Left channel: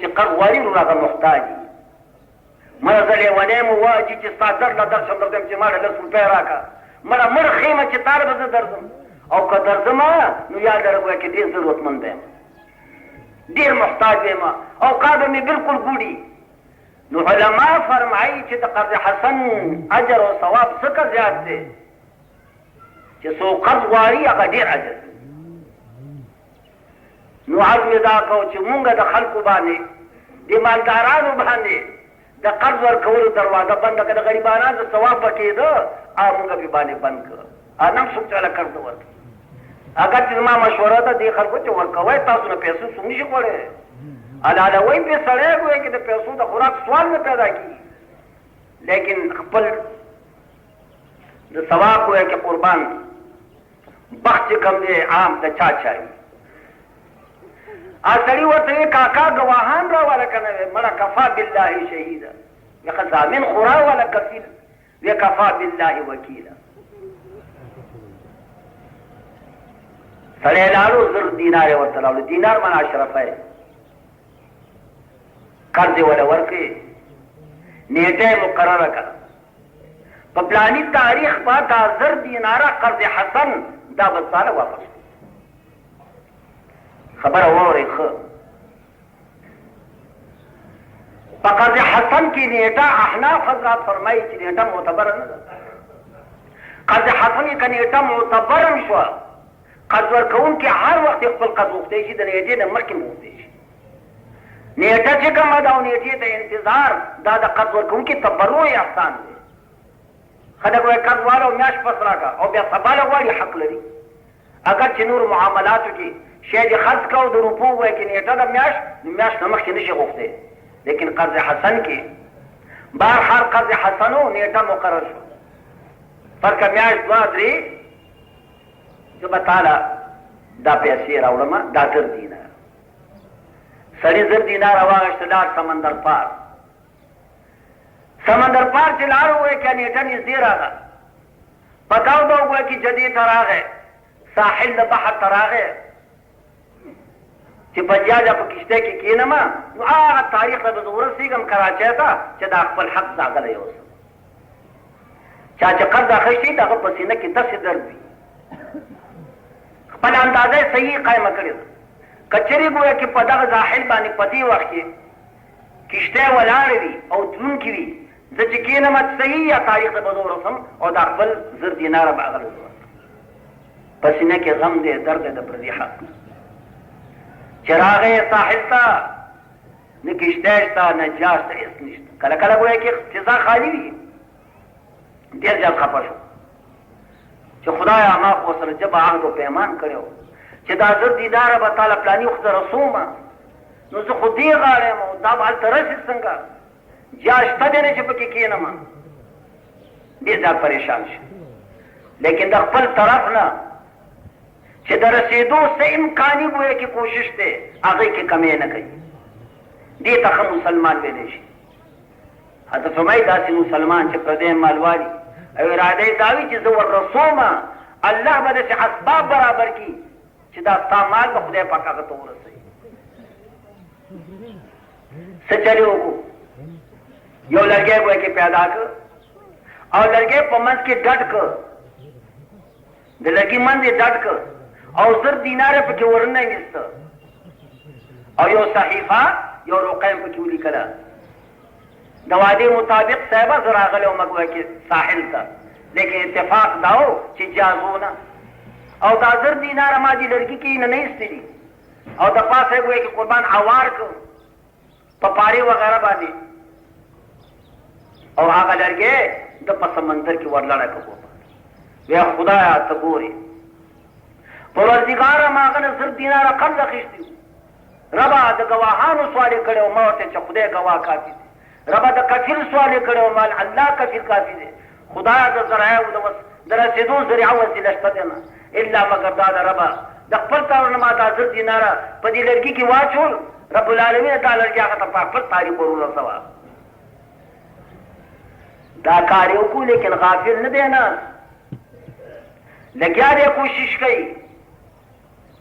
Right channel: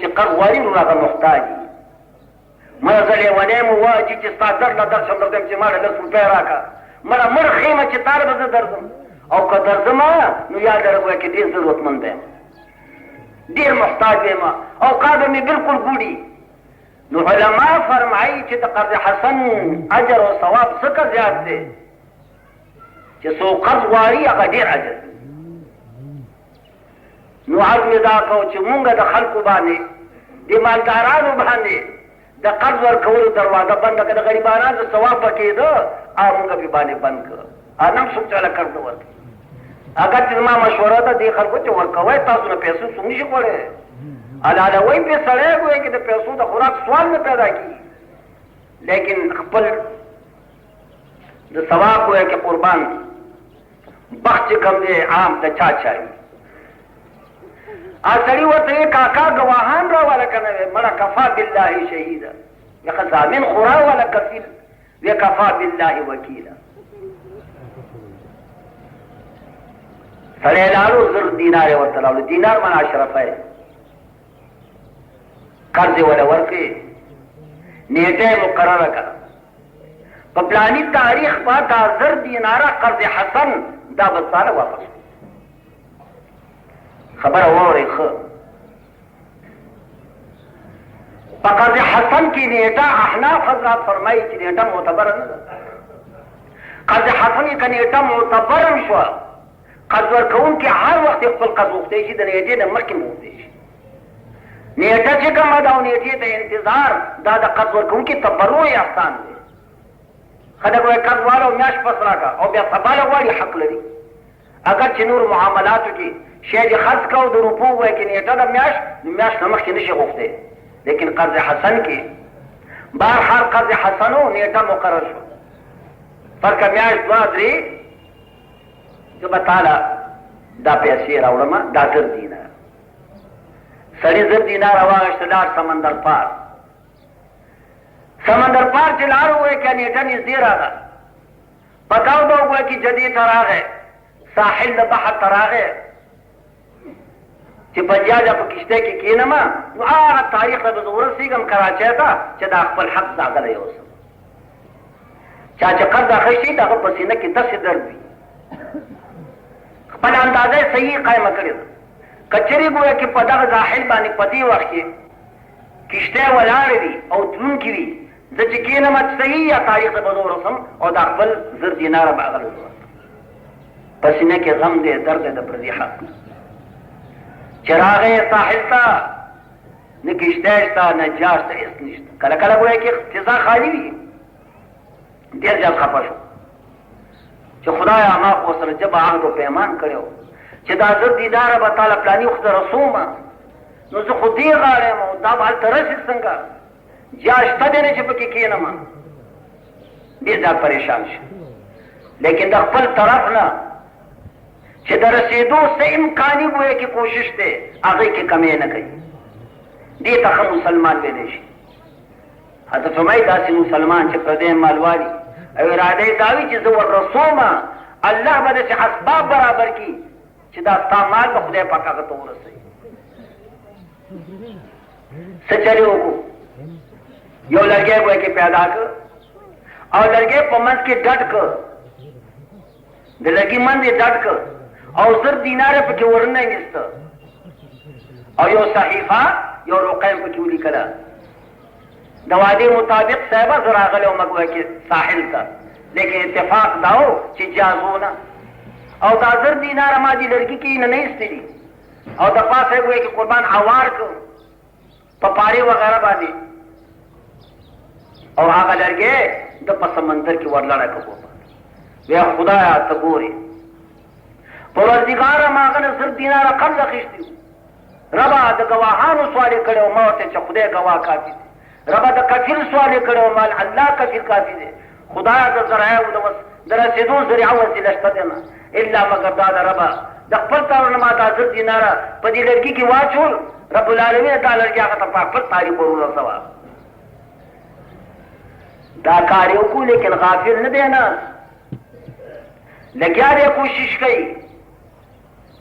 چې قرض غواړي نو هغه محتاج وي. مړه زه لیونی مو وایي چې ستا درد له درشم درځم چې ماړه 10 روپۍ راکړه مړه مړ ښیمه چې تا به زه درځم او که درځم نو یاد لرم وایي چې ډېر ضرورتمند یم ډېر محتاج یم او کار به مې بلکل ګوډي. نو علما فرمایي چې د قرض حسن اجر او ثواب څه زیات دی چې څوک قرض غواړي هغه ډېر اجر. نو عرض مې دا کړو چې مونږ د خلکو باندې د مالدارانو باندې د قرض ورکولو دروازه بنده کړه. د غریبانو د ثواب به کېده او مونږ بې باندې بند کړه. نم څوک چاله قرض ورکړي. اگر چې زما مشوره ده دې خلکو چې ورکوئ تاسو نه پیسې څوک نشي کولی. علالوی پې سړی ګویا چې د پیسو د خوراک سوال نه پیدا کېږي لیکن خپل د ثواب ګویا کې قربان بخت چې کوم دی عام د چا چایي. سړي ورته یې کاکا ګواهان راواله که نه وی مړه کفا بالله شهیده یخه ضامن خو راواله کفیل وی کفا بالله وکیله. سړی لاړو 1000 دینار یې ورته راوړو. دینار معنا اشرفی قرض یې وله ورکړې نیټه یې مقرره کړه په پلاني تاریخ به دا 1000 دیناره قرض حسن دا به ساله واپس خبره واورئ ښه. په قرض حسن کې نیټه احناف حضرات فرمایي چې نیټه معتبره نه ده. قرض حسن کې که نیټه معتبره هم شوه قرض ورکوونکي هر وخت خپل قرض غوښتی شي د نیټې نه مخکې غوښتی شي. نیټه چې کومه ده او نیټې ته انتظار دا د قرض ورکوونکي تبرع احسان دی. خلک وایي قرض والا میاشت پس راکړه او بیا سبا له غواړي حق لري. اگر چې نور معاملاتو کې شی دې خرڅ کړه او د روپو وایي چې نیټه ده میاشت نو میاشت نه مخکې نشي غوښتی. لیکن قرض حسن کې بهرحال قرض حسن و نیټه مقرر شو فرقه میاشت 2 3 زه به تاله دا پیسې راوړم دا 1000 دینار. سړي 1000 دینار واخېسته لاړ سمندر پار. سمندر پار چې لاړ ووایي که نیټه نږدې راغله پتاو به ووایي چې جدې ته راغی ساحل د بحر ته راغی چې په جاجه په کشتۍ کې کښېنم نو هغه تاریخ ته به زه ورسېږم کراچۍ ته چې دا خپل حق داغلی اوسم. چا چې قرض اخیستی د هغه په سینه کې داسې درد وي خپل اندازه یې صحیح قایمه کړې ده. که چېرې ګویا کې په دغه ساحل باندې په دې وخت کې کشتۍ ولاړې دي او دروونکي وي زه چې کښېنم صحیح یا تاریخ ته به زه ورسم او دا خپل 1000 دیناره به هغه له په سینه کې غم دی درد دی د پردي حق. چې راغی ساحل ته نه کشتۍ شته نه جاز ته هېڅ نشته. کله کله ګویا کې فضا خالي وي ډېر زیات خفه شو چې خدایه ما خو ورسره ژبه عهد و پیمان کړی و چې دا 1000 دیناره به تاله پلاني وخت رسوم نو زه خو دې غاړه یم او دا به هلته رسي څنګه جا شته دی نه چې پکې کښېنم. ډېر زیات پریشان شو لیکن د خپل طرف نه چې د رسېدو څه امکاني ګویا کې کوشش دی هغې کې کمی نه کوي. دې ته ښه مسلمان ویلی شي. حضرت فرمایي داسې مسلمان چې پردی مال والي او اراده یې دا وي چې زه وررسوم الله به داسې اسباب برابر کړي چې دا ستا مال به خدای پاک هغه ته ورسوي. څه چلې وکړو یو لرګی ګویا کې پیدا کړ او لرګی په منځ کې ډډ کړ د لرګي منځ یې ډډ کړ او 1000 دیناره پکې ورنه ویسته او یو صحیفه یو رقم پکې ولیکله د وعدې مطابق صاحبه زه راغلی وم ګویا کې ساحل ته لیکن اتفاق دا و چې جازونه او دا 1000 دیناره ما دې لرګي کې نه ایستلي او د پاسه یې ګویا کې قربان هوار کړ په پارې وغیره باندې او هغه لرګی د په سمندر کې ورلړی کړو. بیا خدایه ته ګورې پروردګاره ما هغه نه 1000 دیناره قرض اخیستي ربه د ګواهانو سوال یې کړی و ما ورته چې خدای ګواه کافي دی. ربه د کفیل سوال یې کړی و مال الله کفیل کافي دی. خدایه د ذرایعو د رسېدو ذریعه وسیله شته دی نه الا مګر دا د ربه د خپل طرف نه ما دا 1000 دیناره په دې لرګي کې واچول رب العالمین دا لرګي هغه ته په خپل تاریخ ورسوه. دا کار یې وکړو لیکن غافل نه دی نه لګیا دی کوشش کوي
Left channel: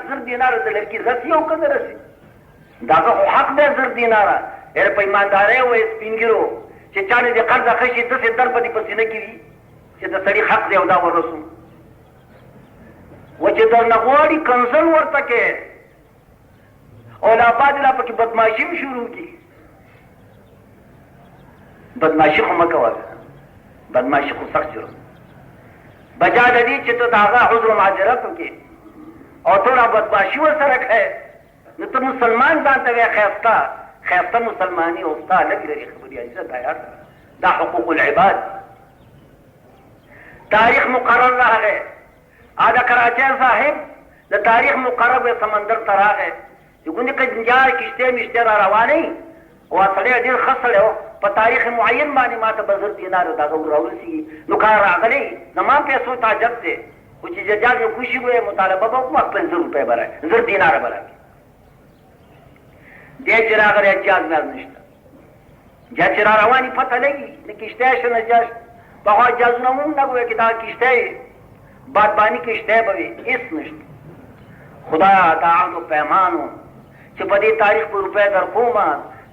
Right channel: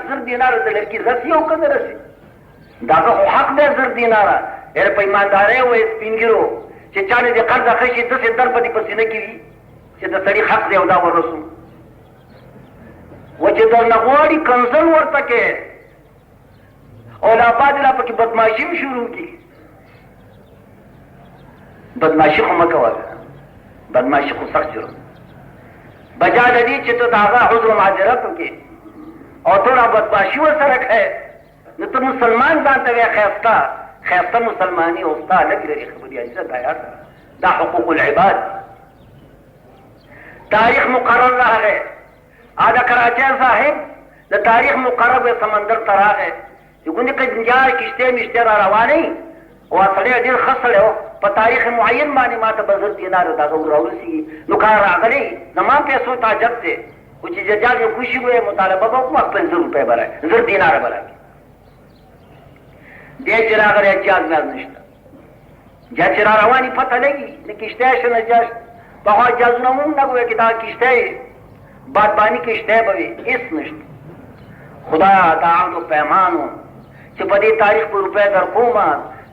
1000 دینار د لړکی رسي او کنه رسي دا خو حق دی 1000 دینار هر په ایمانداري وې سپینګرو چې چانه دې قرض اخیشي د څه در په دې پسینه کې چې د سړي حق دی او دا ورسو و چې در نغواړي کنزل ورته کې او لا بعد لا پکې بدمعشي شروع کی بدمعشي خو مکوه بدمعشي خو سخت شروع بجا د دې چې ته دا هغه عذر معذرت وکې او ته بدمعشي ورسره کوې نو ته مسلمان ځان ته وایې خیسته مسلماني او ستا لږ لري خبرې عزت دا حقوق العباد تاریخ مقرر راغی دا کراچۍ صاحب د تاریخ مقرر سمندر ته راغی چې ګوندې که جنجار کشتۍ مشتۍ را روانې او سړی ډېر ښه سړی و په تاریخ معین باندې ما ته به 1000 دینار دغه راورسېږي نو کار راغلی زما پیسو ته حاجت دی خو چې ججال یې خوشي وی مطالبه به وکړم 500 روپۍ به راکړي 1000 دینار به راکړي دی چې راغلی جاز ناز نشته جا چې را روانې پته لګي د کشتۍ شنه جاز پخوا جازونه مونږ نه ګویا چې دا کشتۍ بادباني کشتۍ به وي هېڅ نشته خدایا دا عهد و پیمانو چې په دې تاریخ په روپۍ در کومه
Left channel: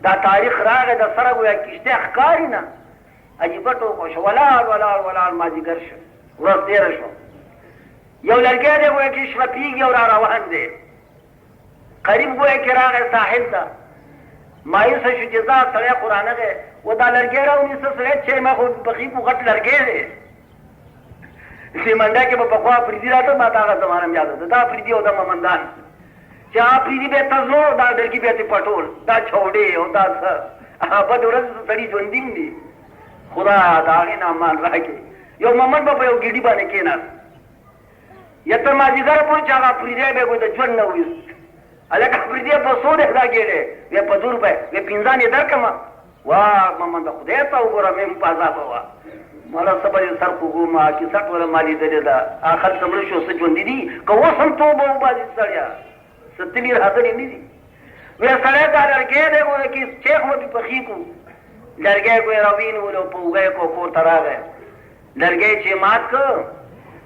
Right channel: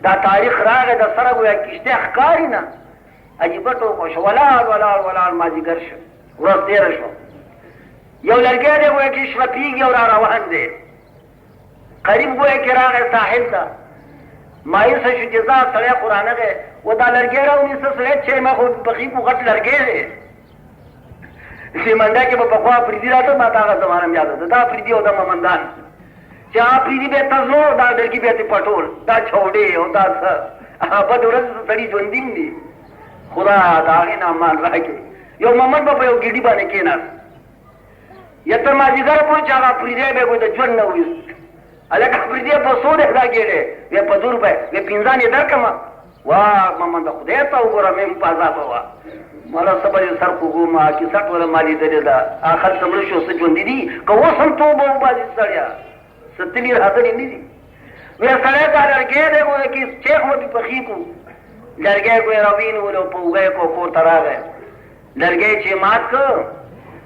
دا تاریخ راغی د سره ګویا کشتۍ ښکاري نه عجیبه ټوکه شو ولاړ مازدیګر شو ورځ تېره شوه یو لرګی دی ګویا چې شلپېږي او را روان دی قریب ګویا کې راغی ساحل ته مایوسه شو چې ځه سړی خو رانغی و دا لرګی راونیسه سړی چې ما خو پخي خو غټ لرګی دی سیمنده کې به پخوا پریدي راته ما ته هغه زمانه مې یاد ده دا پریدي او دا ممندان چې هغه پریدي به یې تزلو دا لرګي به یې پټول دا چوډې او دا څه بد ورځ سړي ژوندي دي خدایا د هغې نه امان راکړي یو ممند به په یو ګیډي باندې کېناست یا تر مازدیګره پورې چې هغه پریدی به یې د ژوند نه وویست هلکه پریدي په څو دی دا ګېډې ویې په 2 روپۍ ویې 15 یې درکړمه واه ممنده خدای ته وګوره مې په عذابه وه مالا سبا یې سر کوګومه کیسټ وله ما لیدلې ده هغه خلک مړه شو څه ژوندي دي که اوس هم توبه وباسي سړیه څه تلي راغلي نه دي ویې سړی دا لرګی دی ګوره کې چیخ ورته پخي کړو لرګی ګویا راوینولو په اوږه یې کور ته راغی لرګی چې مات کړ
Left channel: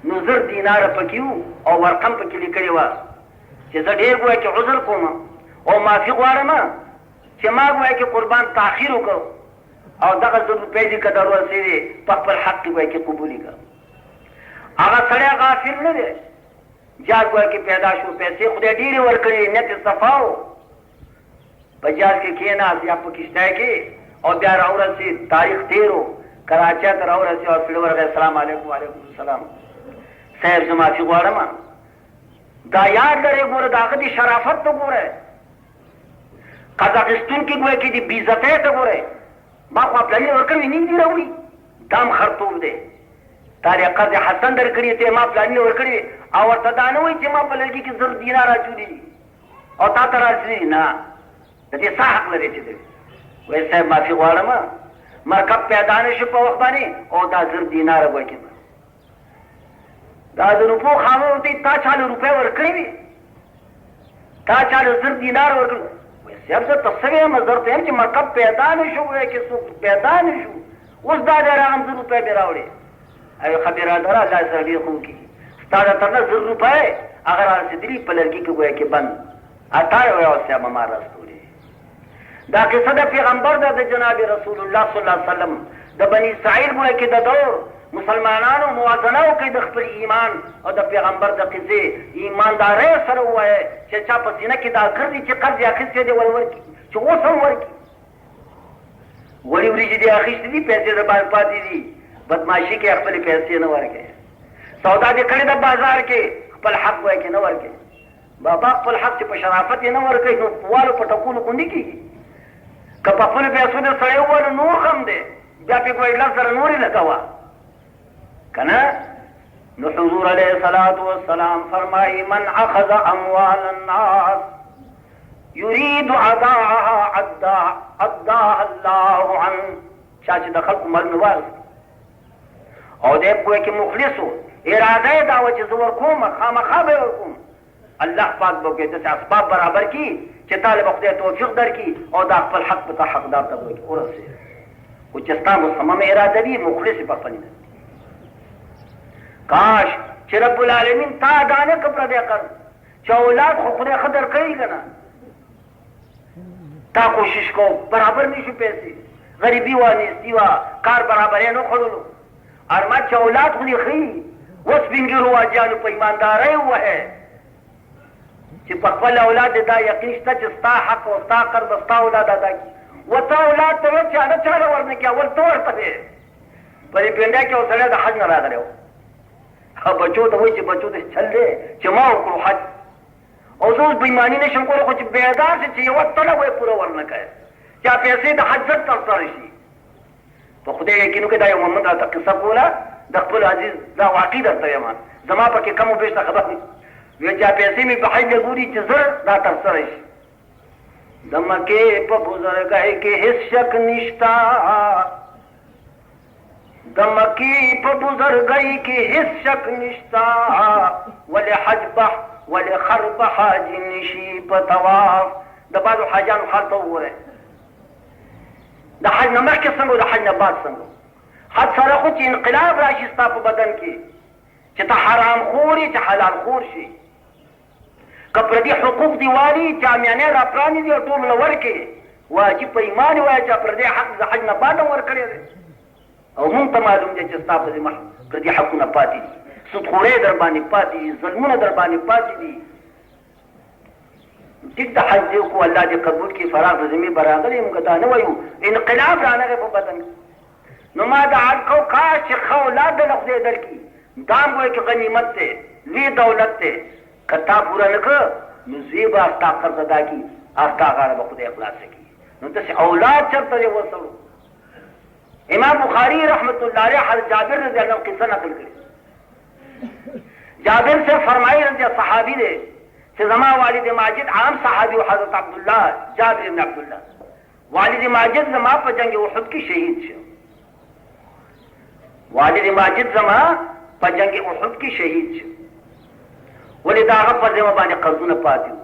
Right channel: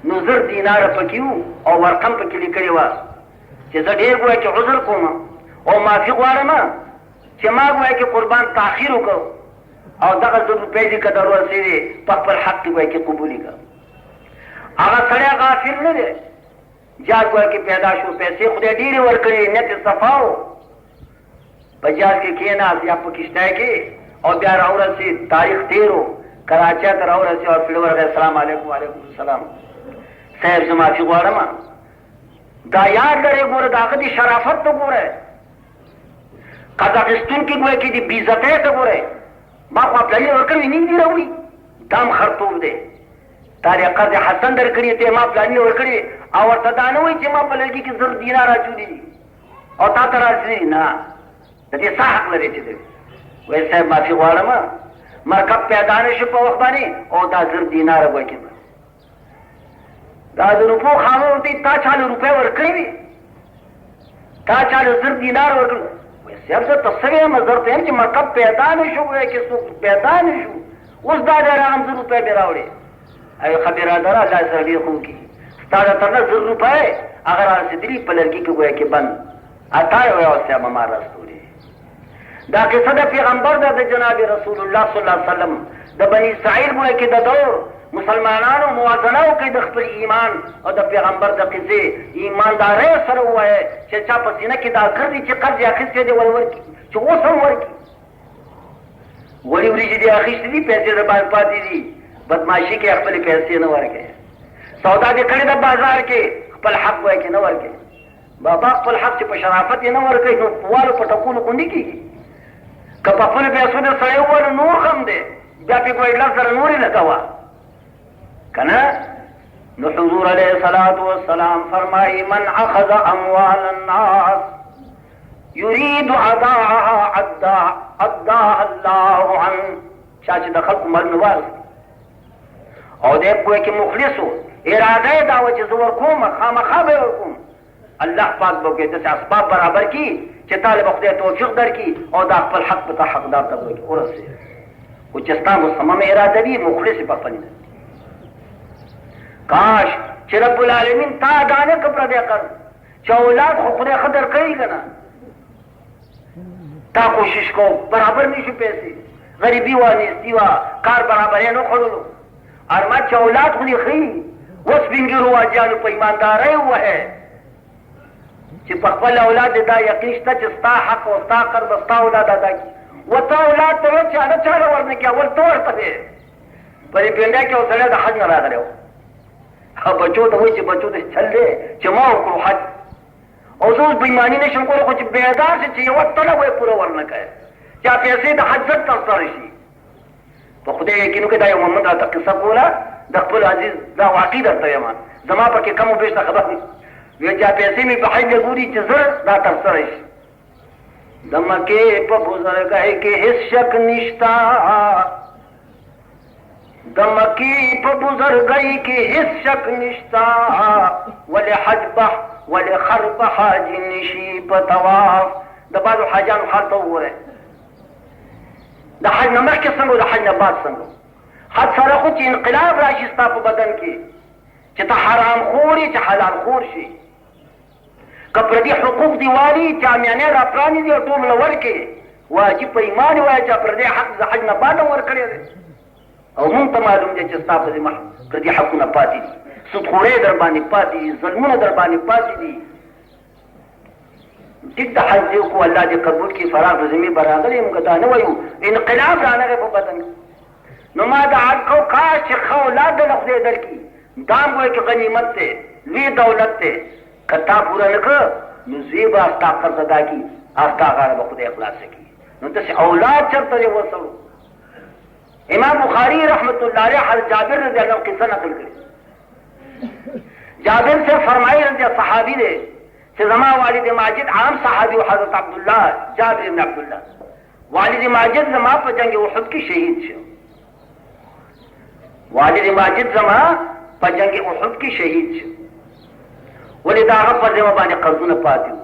نو 1000 دیناره پکې وو او ورقم پکې لیکلې وه چې زه ډېر ګویا کې عذر کوم او معافي غواړم چې ما ګویا کې قربان تاخیر وکړ او دغه 1000 روپۍ دي که در ورسېدې په خپل حق کې ګویا کې قبولي کړه هغه سړی غافل نه دی جال ګویا کې پیدا شو پیسې خدای ډېرې ورکړې نیت یې صفا و په جال کې کېناست یا په کشتۍ کې او بیا راورسېد تاریخ تېر و کراچۍ ته راورسېد او پړ ورغی السلام علیکم وعلیکم السلام صاحب زه معافي غواړم دا یاد لرې ګوره د هغه دې شرافت ته ګوره قرض اخیستونکي ګویا کې دې بېعزتۍ ته ګوره ما خو پلاني ورکړی نه دي راوړي دا هم خرطوب دی تا دې قرض حسن درکړي ته ما پلاني ورکړي او ورته دا نه وایي چې ما په لرګي کې 1000 دینار اچولي دي او تا ته راځي نه د دې څه حق لري چې دی وایي صاحب معافي غواړم مرکب پیدا نه شو په وخت باندې او دا 1000 دیناره به کې دا د روپو خاوند دی تا چاله روپۍ ورکړي وي تا چاله 1000 دینار ورکړي صاحب زه ته څه وایم زه ورته یم چې مرکب پیدا نه شو ګویا کې څوک پیدا نه شو اوس دا دی راغم 1000 روپۍ مې راوړې ایو ښه برادره الله سره ډېر ښه وکړي ستا د تر نه 1000 روپۍ هغه را رسېدلي په لرګي کې ګویا کې بند اتا یې وایه صاحب ما راستولې دا قصه د پیغمبر ده د جناب رسول الله صلی الله علیه وسلم د بني اسرائیل ګویا کې د دور مسلمانانو موازنه وکړي د خپل ایمان او د پیغمبر د قصې ایماندارۍ سره ووایه چې چا په سینه کې دا ګرځي چې قرض یې اخیستی دی ور ورکړي چې اوس هم ورکړي ولې وریجې دې اخیستې دي پیسې د باندې پاتې دي بدماشي کې خپلې پیسې نه ورکړي سودا دې کړې ده بازار کې خپل حق وایي کې نه ورکړي بابا خپل حق چې په شرافت یې نه ورکړي نو په والو په ټکولو خوندي کېږي که په خپلو پیسو دې سړی ووایه نور هم دی بیا پې کوی لس زره نورې لګوه کنا نو حضور علیہ الصلوۃ والسلام فرمائی من اخذ اموال الناس يريد اداءها اداها الله عنه چا چې د خلکو مال نواز او دې کوی کې مخلصو اراده دا و چې زه ورکوم خامخا به ورکوم الله پاک به کې داسې اسباب برابر کړي چې طالب خدای توفیق درکړي او دا خپل حق په حقدار ته ورسوي او چې ستا مصمم اراده وي مخلص په خپل کاش چې چې رب العالمین تا دانه که پردی کړ چې اولاد خو خدای قدر کوي که نه تا کوشش کو برابر نشو پیسې غریبي وه نیستي وه کار برابر یې نه خوړلو ارما چې اولاد خو دې ښي اوس سپینږیرو واجیانو په ایماندارۍ ووهې چې په خپل اولاد دې دا یقین شته چې ستا حق او ستا قرض ستا اولاد ادا کړي ورته اولاد ته وایي چې هغه چاله ورنه کړي اول ته ورته دی په دې پنډه کې یو سړی د حج نه راغلی و بچو ته وایي چې بچو ته چل دی چې ما وکړو حج او زه اوس بېایماني نه شم کولی خو چې بیدار شي چې یوه تله به یې پوره ورنه کوې چې پیسې د حج زر ترسره شي په خدای یقین وکړې دا یو محمد راته قصه کوله د خپل عزیز دا واقعي درته یم زما پکې کم و بیشته خبر دی وی چې پیسې مې په حج ګوري چې زر دا ترسره شي د مکې په بزرګۍ کې هېڅ شک نشته د مکې په بزرګۍ کې هېڅ شک نشته ولې حج به ولې خر به حاج نشي په طواف د بعضو حاجانو خر ته وګورئ د حج نه مخکې څنګه د حج نه بعد څنګه حج سره خو چې انقلاب راشي ستا په بدن کې چې ته حرام خور یې چې حلال خور شي که پردي حقوق دې والي چې عامیانې را پرانیزي او ټول له ورکړي واجب په ایمان وایه چې پردي حق د حج نه بعد هم ورکړی دی او مونږ ته معلوم دی چې ستا پردي حقونه پاتې دي سودخورۍ در باندې پاتې دي ظلمونه در باندې پاتې دي ټیک د حج دی خو الله دې قبول کړي فراغ د ذمې به راغلی موږ دا نه وایو انقلاب رانغی په بدن نو ما د حج کو کاش چې ښه اولاد دله خدای درکړي دا هم وایي چې غنیمت دی لوی دولت دی که تا پوره نه کړه نو زوی به ستا قرض ادا کړي او ستا غاړه به خدای خلاصه کړي نو داسې اولاد چېرته دی ورسره امام بخاري رحمت الله علیه حضرت جابر رضی الله عنه قصه نقل کړي جابر سے فرمایي رضی صحابي دی چې زما والد ماجد عام صحابي و حضرت عبدالله جابر بن عبدالله والد ماجد زما په جنگ احد کې شهید شو والد ماجد زما په جنگ احد کې شهید شو ولې د هغه په ذمه باندې قرضونه پاتې وو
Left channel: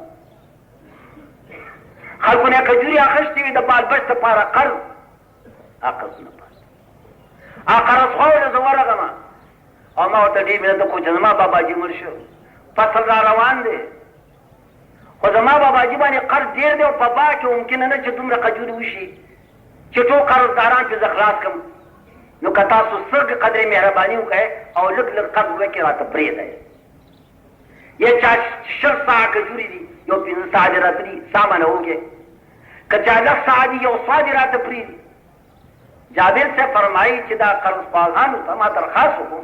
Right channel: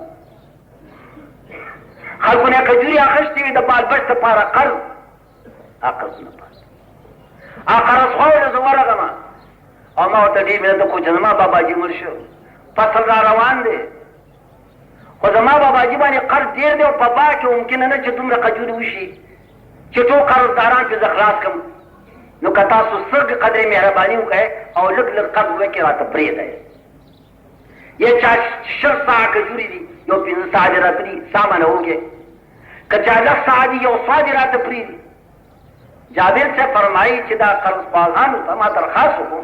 خلکو نه کجوري اخیستې وي د بال بچ دپاره قرض هغه قرضونه پاتې هغه قرض خوړله زه ورغلم او ما ورته ډېر مینه وکړو چې زما باباجي مړ شو فصل را روان دی خو زما باباجي باندې قرض ډېر دی او په باغ کې ممکنه نه چې دومره کجوري وشي چې ټول قرضداران پرې زه خلاص کړم نو که تاسو څه قدرې مهرباني وکړئ او لږ لږ قرض وکړئ راته پرېږدئ یا چا 6 ساعه کجوري دي یو 5 ساعه دې راته دي سامان وکړئ که چا 10 ساعه دي یو ساعه دې راته پرېږدي جابر صاحب فرمایي چې دا قرض باغانو ته ما درخواست وکړو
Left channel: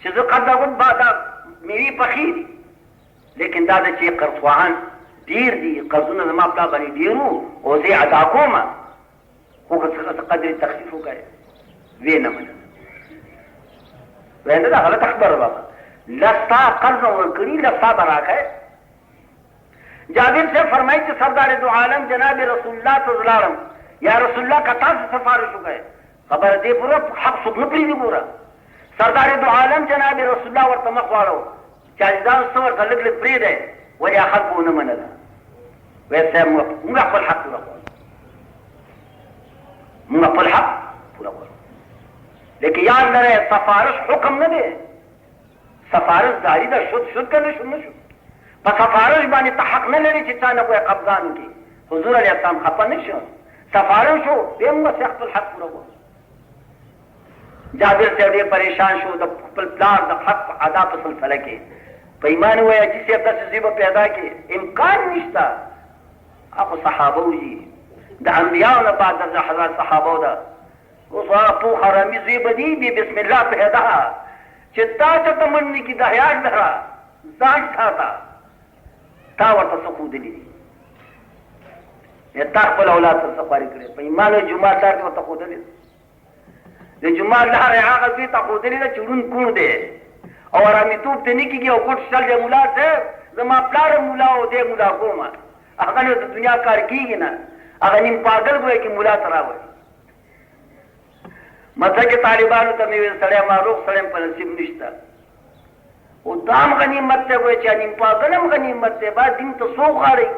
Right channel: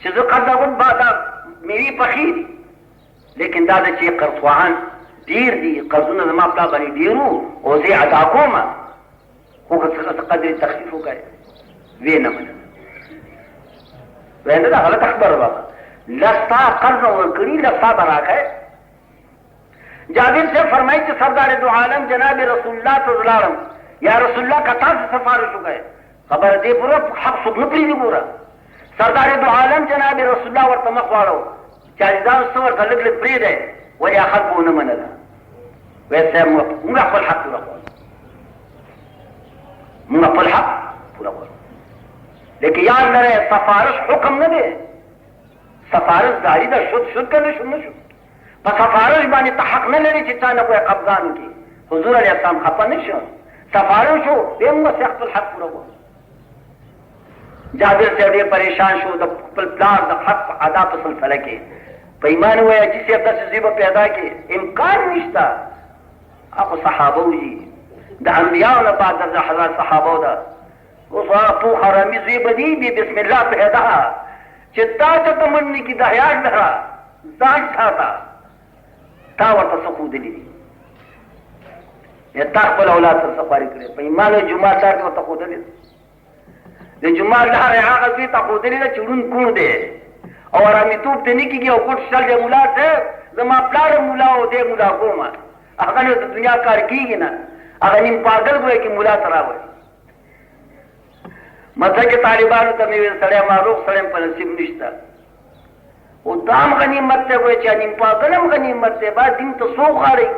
چې زه قرض اخلم دا میوې پخې دي لیکن دا د چې قرضخواهان ډېر دي قرضونه زما پلا باندې ډېر وو او زه یې ادا کوم خو که څه قدرې تخفیف وکړئ ویې نه منله ویل دا غلط خبره وه لستا قرض ورکړي لستا به راکړئ جابر صاحب فرمایي چې سردار دو عالم جناب رسول الله ته ولاړم یا رسول الله که تاسو سفارش وکړئ خبره دې پوره حق څوک نه پرېږدي پوره سردار دو عالم جناب رسول الله ورته مخ واړو چې عزیزانو څه ورته لږ لږ پرېږدئ ولې خلکو ونه منله ویل صاحب موږ خپل حق پوره غواړو موږ خپل حق پوره غواړو لیکن یاد لرئ سفارش حکم نه دی سفارش داری ده شد که نشد نشد په سفارش باندې ته حق نه لري چې چا نه کوی قبضان وکړي حضور علیه السلام خفه نه شو سفارش شو بیا موږ خپل حق پوره غواړو جابر صاحب ډېر پریشان شو د خپل پلار د حق ادا په سلسله کې په ایمان ووایه چې صاحب داسې زوی به پیدا کړي امکان نشته هغو صحابه دي د انبیاو نه بعد د حضرت صحابه ده اوس هغه پوخ حرامي زوی به دي بسم الله پیدا چې تا ته ته منې کي د حیا لره ځان ساته تا ورته څه ښودلي دي یا تا خپل اولاد سره سفاري کړې په ایمان جومات لار کې ورته ښودلې د جومات لارې هغه زوی ته ښودلې ده چې ړوند کوڼ دی او ارامېتوب ته نه کېږي او ګوټ شل دی ملا صاحب زما پلار ملا او دی ملا کومه هغه نه د دنیا کار کېږي نه هغه نیم پاګل ګوی کې ملا ته راوړي مطلب کې طالبانو ته مې ویل سړی معروف سړی په نصیب نشته او دا هم غنیمت دی ګوی چې نیم پاګل هم غنیمت دی باید دین ته څوک غاړی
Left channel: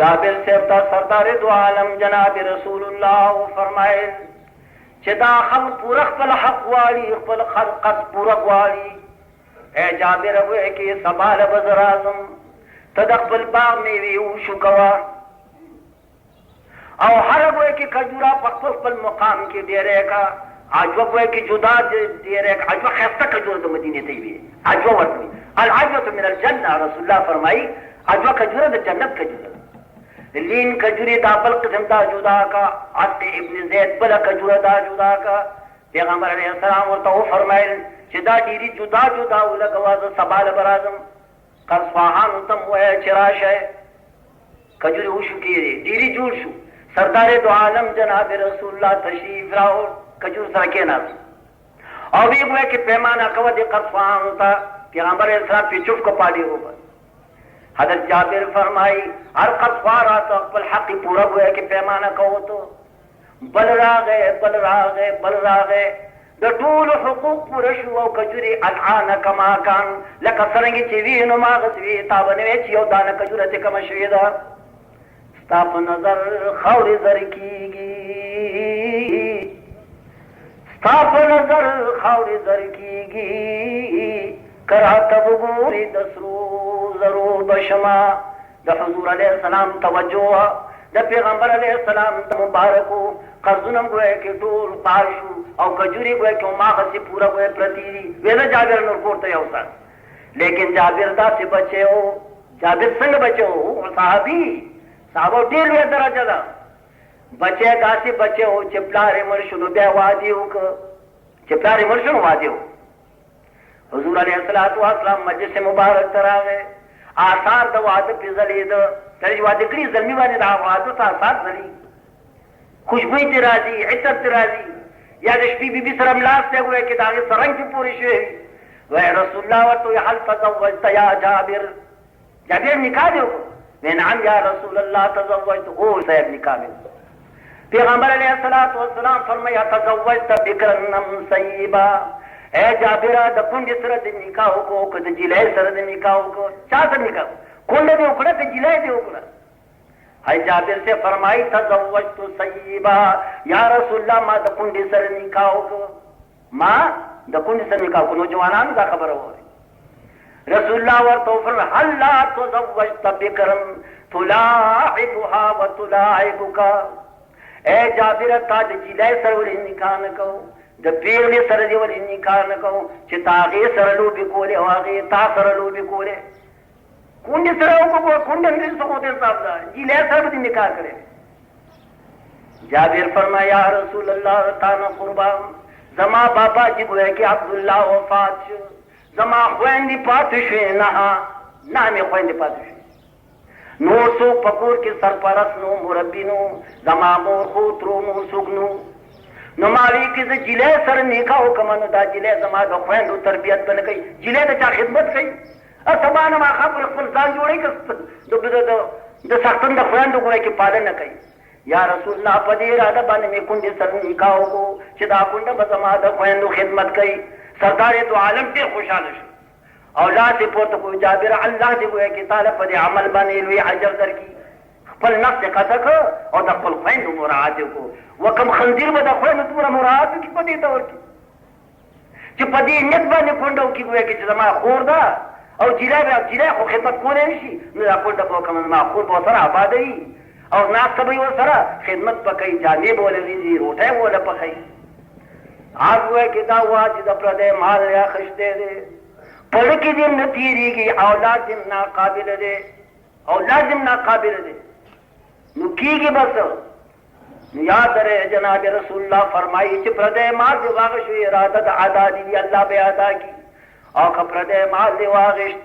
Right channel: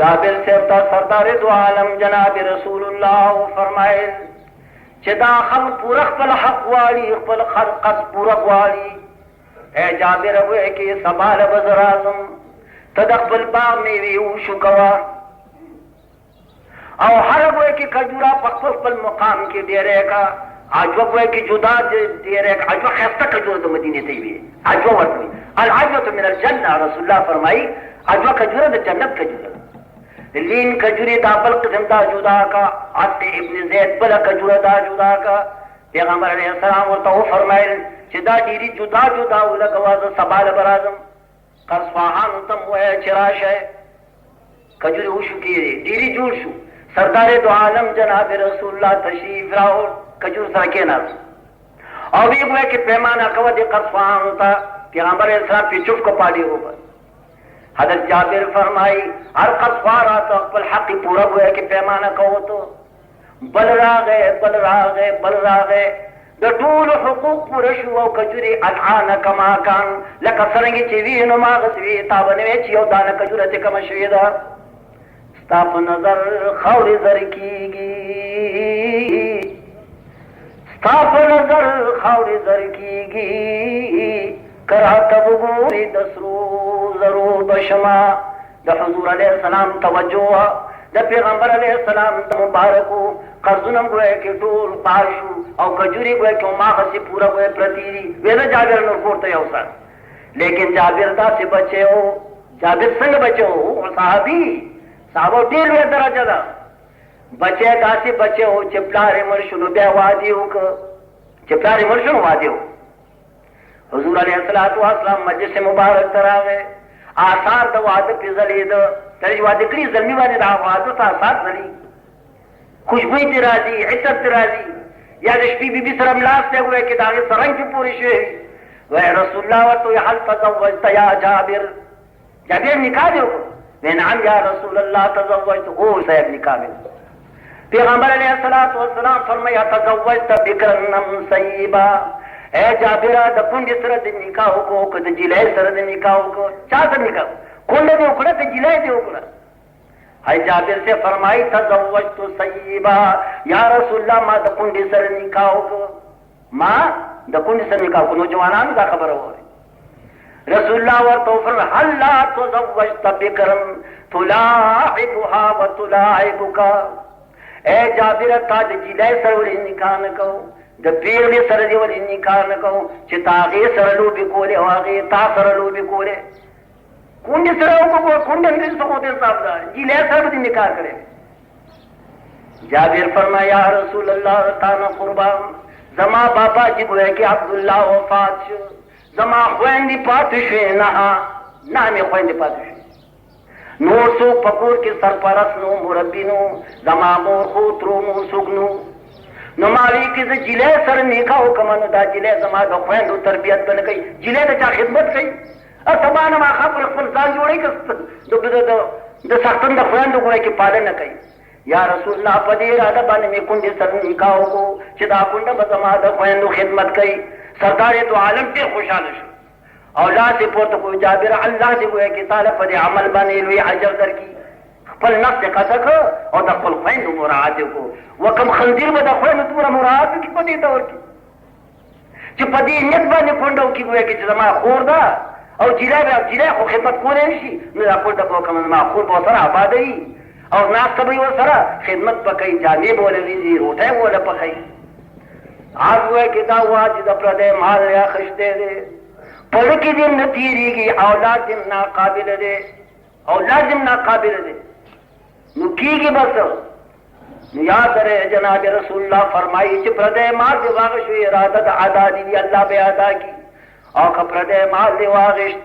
جابر صاحب ته سردار دو عالم جناب رسول الله فرمایل چې دا خلق پوره خپل حق غواړي، خپل خلقت پوره غواړي. ای جابر وایي کې سبا له به زه راځم، ته د خپل باغ میوې وشو کوه. او هر وایي کې کجوره په خپل خپل مقام کې ډېری کا. عجوه وایي کې جدا ډېری کا. عجوه ښایسته کجوره د مدینې ته وي. عجوه ورته وایي العجوة من الجنة. رسول الله فرمایي عجوه کجوره د جنت کجوره. لین کجوری دا بل قسم دا جدا کا. عطا ابن زید بل کجوره دا جدا کا. پیغمبر علیہ السلام ورته وفرمایل چې دا ډېرې جدا جدا ولګوه، زه سبا له به راځم. اصفهان ته مو وایه چې راشئ. کجورې وشو کېدې، ډېرې جوړ شو. سردار دو عالم جناب رسول الله تشریف راوړ، کجور سره کېناست او ویې وایه چې پیمانه کوه دې اصفهان ته. پیغمبر علیہ السلام پې چپ کو پاډې وبل. حضرت جابر فرمائی ہر قصوارا تو خپل حق پورا گویا کہ پیمانہ کہو تو بل راغے بل راغے بل راغے د ټول حقوق پوره شو او کجوري الان کما کان لکه څنګه چې وینو ما غسوي تاونه چې یو دانه کجوره ته کم شوې ده. ستا په نظر خاورې زر کېږي، ستا په نظر خاورې زر کېږي، کراته وګورې د سرو زرو بشما. د حضور علیه السلام توجه د پیغمبر علیه السلام د مبارکو قرضونه ګویا کې ټول پاش شو او کجوري ګویا کې هماغسې پوره ګویا پرتې دي. ویله جابر نور کور ته یو سر، لیکن جابر داسې بچی و. جابر څنګه بچی و؟ صحابه ډېر لویه درجه ده. بچی داسې بچی و چې پلار یې مړ شو نو بیا واده یې وکړ. چې پلار یې مړ شو نو واده یې وکړ. حضور علیه السلام مجلس مبارک ته راغی. آثار د واده پې ځلېده. کله چې واده کړي زلمي باندې د واده ته آثار ځلي، خوشبویي ترې راځي، عطر ترې راځي. یا د شپې بیبي سره ملاست دی وایي چې د هغې سرنګ پې پورې شوی وي. وایي رسول الله ورته وایي هل تزوجت یا جابر؟ جابر نکاح دې وکړو؟ وایي نعم یا رسول الله تزوجت. او صاحب نکاح مې وکړو. پیغمبر علیه السلام فرمایي تزوجت بکرا مسیبا. اے جابره د کونډې سره د نکاح وکړو که د جلۍ سره د نکاح وکړو؟ چا سره نکاح؟ کونډه دې وکړه که جلۍ دې وکړه؟ ہے جابر سے فرمائی تزوجت سیبا. یا رسول الله ما د کونډې سره نکاح وکړو، ما د کونډې سره نکاح وکړو. نوجوانانو دا خبره ووایي. رسول الله ورته وفرمایل هل لا تزوجت بکرا تلاعبها وتلاعبک. اے جابره تا د جلۍ سره ولې نکاح نه کوو؟ د پیغلې سره دې ولې نکاح نه کوو چې تا هغې سره لوبې کولې او هغې تا سره لوبې کولې؟ کونډې سره وکړو، کونډه نه څه خو دې صاحب ده، جلۍ سره به دې نکاح کړی. جابر فرمایا یا رسول الله تا نه قربان، زما بابا چې ګویا کې عبدالله وفات شو، زما خویندې پاتې شوې نه مې خویندې پاتې شوې. نور څوک په کور کې سرپرست نو، مربي نو، زما مور خو ترو مور څوک نو. نو ما وی کې زه جلۍ سره نکاح وکړم نو دا جلۍ زما د خویندو تربیت به نه کوي، جلۍ د چا خدمت کوي؟ سبا نه ماښام پر خپل ځان جوړوي که د سختون د خویندو ګویا کې پالنه کوي. یا رسول الله په دې اراده باندې مې کونډې سره نکاح وکړو چې دا کونډه به زما د خویندو خدمت کوي. سردار دو عالم ډېر خوشحاله شو او لاس یې پورته کړو. جابر الله دې ګویا کې تعالی په دې عمل باندې لوی اجر درکړي. خپل نفس یې قطع کړ او د خپل خویندو مراعات یې وکړو. وکم خنزیر به د خویندو دومره مراعات وکړي په دې دور کې چې په دې نیت باندې کونډه وکړي ګویا کې چې زما خور ده او جلۍ خو خدمت کولی نه شي، نو دا کونډه به وکړم زما خور به ورسره ابادوي او ناسته به یې ورسره خدمت به کوي، جامې به ولې وینځي، روټۍ به ولې پخوي. هغه وایي چې دا وا چې د پردی مال یې اخیستی دی، په زړه کې دې نه تېرېږي، اولاد دې ناقابله دی، اولاد دې ناقابله دی، نو کېږي به څه؟ نو یاد لرئ جناب رسول الله فرمایي چې پردی مال دې واخیستو، اراده د ادا دي الله به ادا کړي. او که پردی مال دې واخیست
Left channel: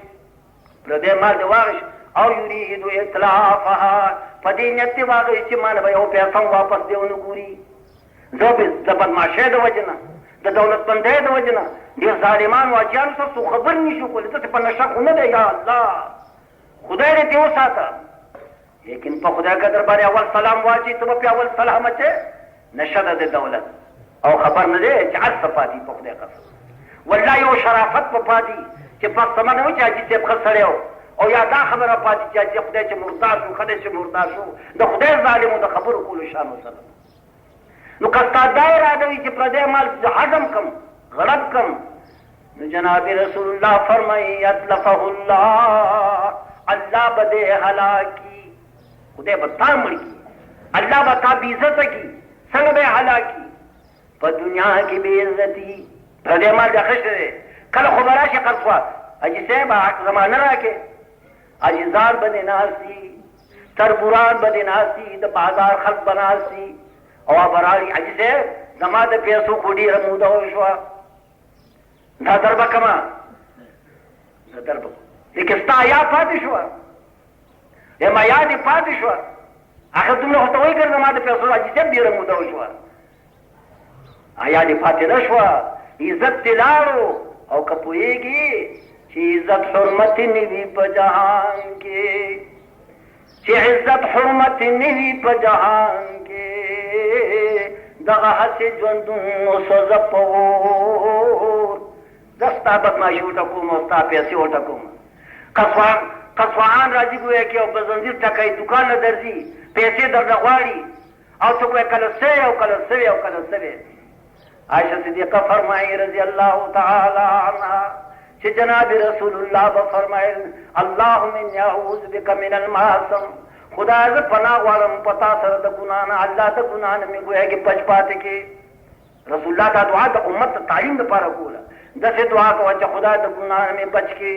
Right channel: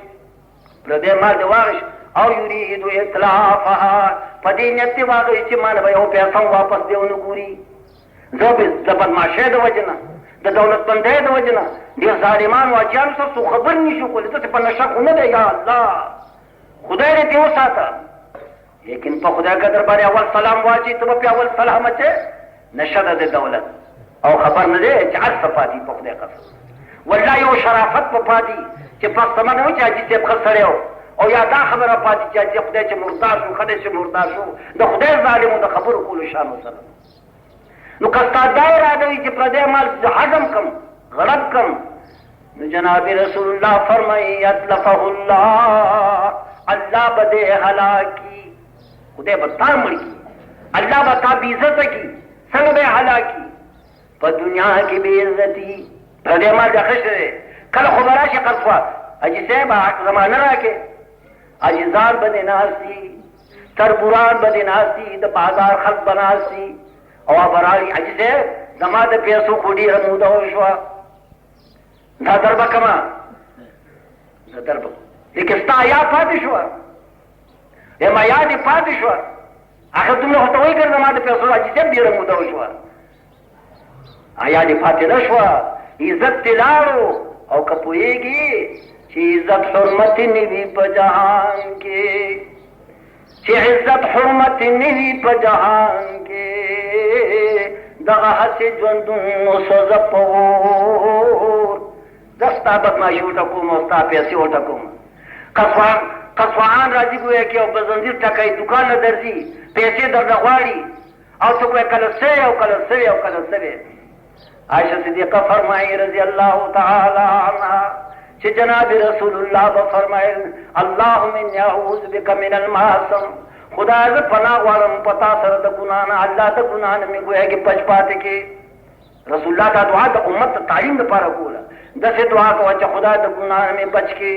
او یرید اطلافها، په دې نیت دې واخیست چې مال به یو پیسه واپس دې ونه ګوري. زه د بدماشۍ د وجې نه، د دولتمندۍ د وجې نه ډېر ظالمان واجیانو سره څوک خبر نه شو کولی. داسې په نشه خو نه دی، یا الله خدای دې ترې وساته. لیکن په خدای قدر باندې اول سلام واچي ته به پې اول سلام اچې. نشه ده د دولت او خبر نه دی چې هر څه پاتې په خدای قسم. والله یو شرافت په پاتې چې پس سمه نه و چې حاجي صاحب ښه سړی و، او یا دا خبره پاتې چې حاجي خدای چې مردار شو، خدای چې مردار شو، د خدای ظالمو د خبرو کولو شان وسره. نو که ستا دا اراده وي چې پردی مال هضم کم غرب کم نو جناب رسول الله فرمایي یتلفه الله، الله به دې هلاکي، خدای به تا مړ کي، الله به تا بې عزته کي. څنګه به یې هلاکي؟ په دنیا کې بې عزتي. پردی مال د ښه دی، کله خو به راشي قصوه حاجي صاحب زمانه راکې، عاجزان به دې ناست دي، تربوران به دې ناست دي، د بازار خلک به ناست دي او به راړي حاجي صاحب زما د پیسو خو ډېره موده وشوه، دا در به کمه دا در به لیکن ستا یاد پاتې شوه، ما یاد یې پاتې شوه. آخر دومره خو ته وایي که زما د پیسو حاجي صاحب ډېره موده وشوه، یاد یې پاتې نه شوه. عزت دې لاړو او که پوهېږي چې عزت حرمت نه وي په جهان کې، چې عزت حرمت نه وي په جهان کې، دغه هسې ژوندون سوځه په اور. زه ستا بدماشي وټکوم او ستا پیسې وټکوم. قصوان راځي ګویا کې او په زنځیر ټکوي، دوکان نه درځي، پیسې درنه غواړي او څوک وایي کله سوی او کله سوی او کله سوی. عائشہ صدیقہ فرمائی رضی اللہ تعالی عنہ چې جناب رسول الله به فرمایل اللهم انی اعوذ بک من المعصم، خدا زه پناه غواړم په تا سره د ګناه نه، الله د ګناه نه مې ګویا کې پچ پاتې کې. رسول الله دا دعا د امت ته تعلیم لپاره کوله، داسې دعا کوه چې خدا د ګناه نه مې بچ کې.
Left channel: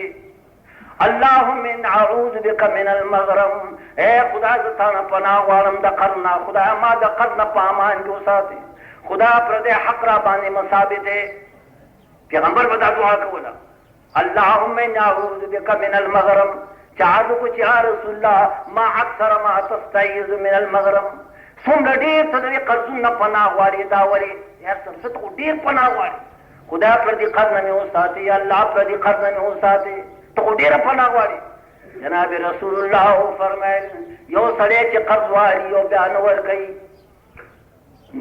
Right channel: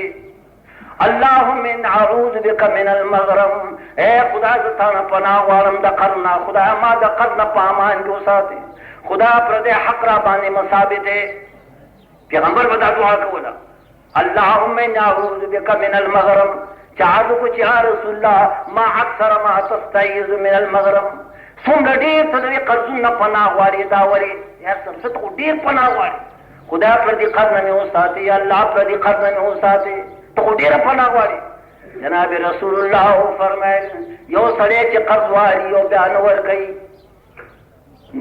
اللهم ان اعوذ بک من المغرم، اے خدا زه تا نه پناه غواړم د قرض نه، خدا ما د قرض نه په امان کې وساتې، خدا پر دې حق را باندې مثابت ہے. پیغمبر بدا دعا کولا اللهم ان اعوذ بك من المغرم، چاہدو کو چاہ رسول اللہ ما اکثر ما تستعیذ من المغرم، څومره ډېر ته دې قرضونه پناه غواړي دا ولې یا څه ته ډېر پناه غواړي، خدا پر دې قرض نه مې وساتي، الله پر دې قرض نه مې وساتي، ته خو ډېره پناه غواړي. جناب رسول الله فرمایل یو سړی چې قرض غواړي او بیا نه ورکوي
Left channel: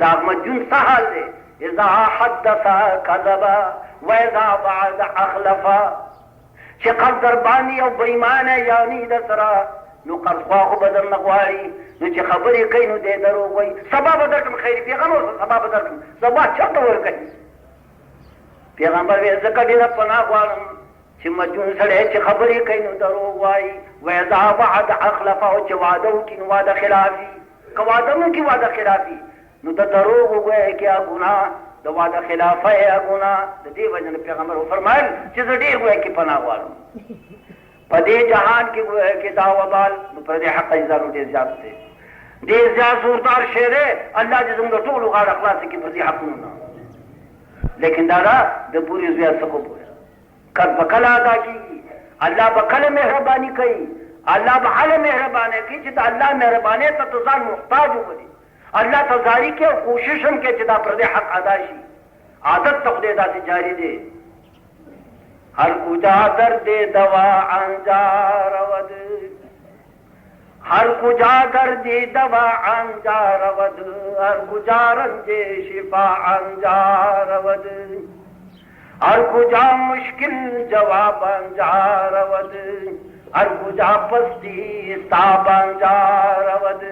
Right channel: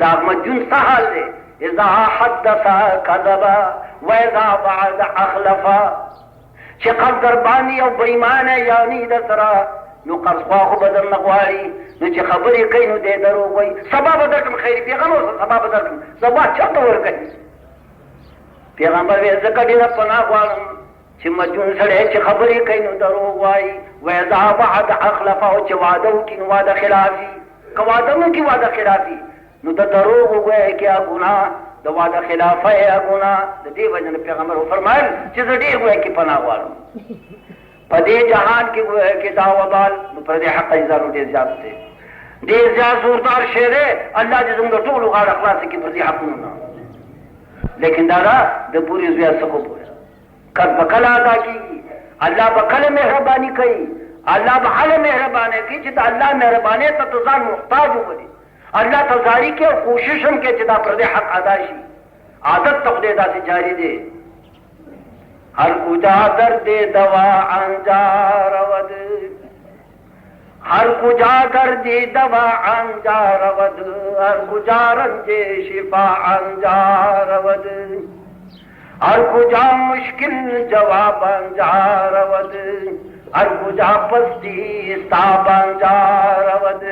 دا مجنون څه حال دی؟ اذا حدث کذبا و اذا وعد اخلفا، چې قرض در باندې او بېایمانه یعنې د سره نو قرضخواه خو به درنه غواړي، نو چې خبرې کوي نو دی دروغ وایي. سبا به درکړم خیري پیغمبر سبا به درکړم، سبا چاته ورکوي؟ پیغمبر ویل ځکه ډېره پناه غواړم چې مجنون سړی چې خبرې کوي نو دروغ وایي. و اذا وعد اخلفا، او چې وعده وکړي نو وعده خلافي، که وعده نه وکړي وعده خلافي نو د دروغ وګویا کې ګناه، د وعده خلافه یې ګناه. د دې وجه نه پیغمبر وفرمایل چې زه ډېر ګویا کې پناه غواړم په دې جهان کې ګویا کې دا وبال نو پر دې حق اظهار ډېر زیات دی، ډېر زیات زوردار شی دی. الله دې زموږ ټولو غاړه خلاصه کړي پر دې حقونو نه. لیکن دا د پورې زویا څه وګوره قرض به کله ادا کېږي، الله به کله مهرباني کوي، الله به هله مهرباني کوي چې د الله مهربانۍ ته ته ځان محتاج وبولي، اللہ تزاری کے کوشش ہم کے چدا پردے حق ادا شي. عادت تخدے دا سے جاری دے ہر کجا درد دوا انجار ود، ہر کجا درد دوا انجار ود، ہر کجا رنج شفا انجار ود، ہر کجا مشکل جواب انجار ود، ہر کجا پستی استاب انجار ود.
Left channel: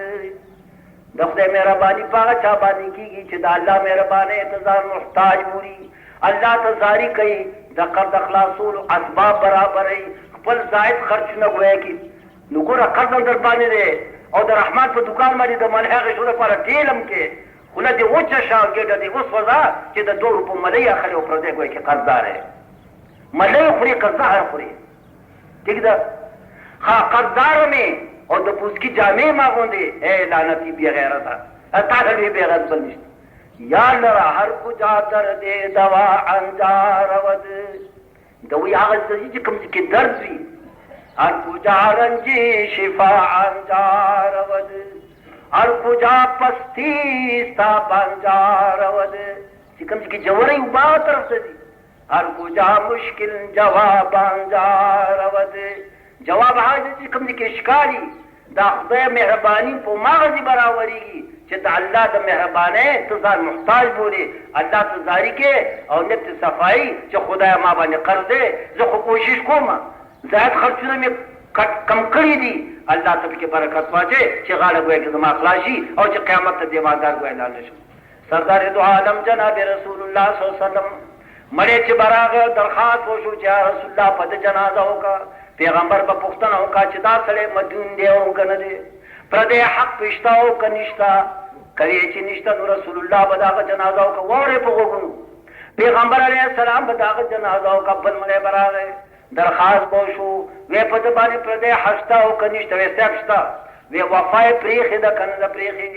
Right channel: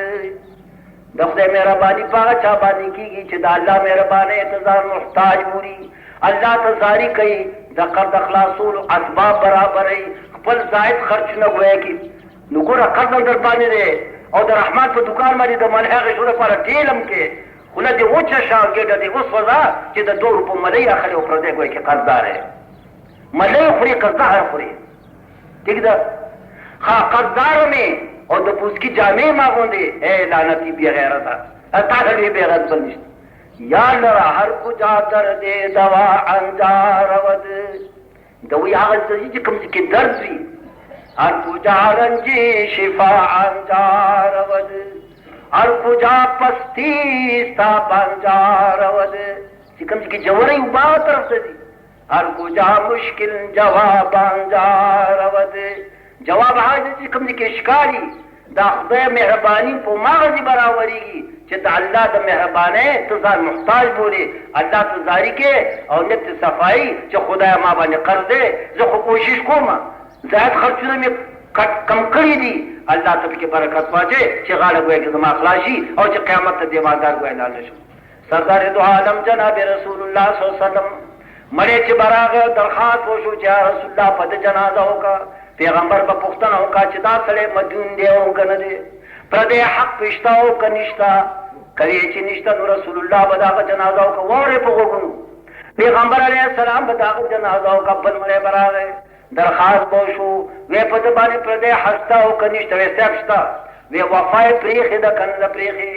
د خدای مهرباني په هغه چا باندې کېږي چې د الله مهربانۍ ته ځان محتاج بولي، الله ته زاري کوي، د قرض خلاصولو اسباب برابروي، خپل زائد خرچونه ګویا کړي. نو ګوره قرض هم در باندې دی او د رحمت په دکان باندې د ملحې غشو لپاره ټیل هم کې خوله دې وچه شه ګېډه دې وسوځه چې د 2 روپو ملۍ اخلي او پردی ګویا کې قرضدار دی، ملۍ خوري قرضدار خوري. ٹھیک ده ها قرضدار مې او د پوسکی جامې ما غوندې اے لعنتي بې غیرته تا سړي بې غیرت بل نشته. یا لره هر کجا درد دوا انجار ود، د وی هغه چې کوم چې درد وي هر کجا رنج شفا انجار ود، هر کجا پستی ستا انجار ود، چې کوم چې جوړې وبا طرف ته دي هر کجا مشکل جواب انجار ود. جواب هغه چې کوم کې ښکاري دا خدای مهرباني په مغزي برابرېږي چې د الله د مهربانۍ ته ځان محتاج بولې، الله ته زاري کې او نیت صفایي چې خدای ما باندې قرض دی، زه خو کوشش کوم زیات خرچونه مې کم کړي دي، الله ته پکې برکت واچوي چې غاړه ګویا کې زما خلاص شي او چې قیامت ته دیوالدار ګویا لاړ نه شم. سردار دو عالم جناب رسول الله صلی الله علیه وسلم مړی چې براغه درخواست وشو چې رسول الله په جنازه وکړه. پیغمبر په پوښتنه وکړه چې دا سړی مدیون دی او که نه دی، پردی حق پشته او که نشته. کله چې نشته نو رسول الله به دغه جنازه وکړه. واورې په غوږونو پیغمبر علیه السلام به دغه جنازه وکړه. بل مړی به راغی، درخواست به وشو، وی په ده باندې پردی حق شته او که نشته؟ وی صاحب شته. وی وفا یې پرېښې ده که نه ده پرېښې؟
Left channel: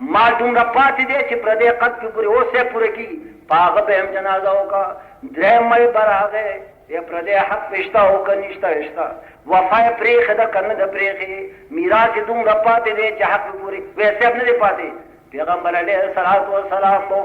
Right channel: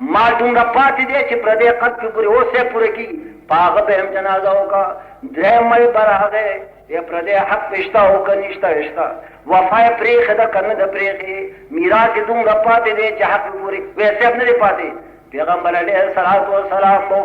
مال دومره پاتې دی چې پردی قد پې پورې اوس یې پوره کېږي، په هغه به هم جنازه وکړه. درېیم مړی به راغی، یا پردی حق پې شته او که نشته؟ شته. وفا یې پرېښې ده که نه ده پرېښې؟ میراث یې دومره پاتې دی چې حق پې پورې؟ وی صاحب نه دی پاتې. پیغمبر علیه السلام به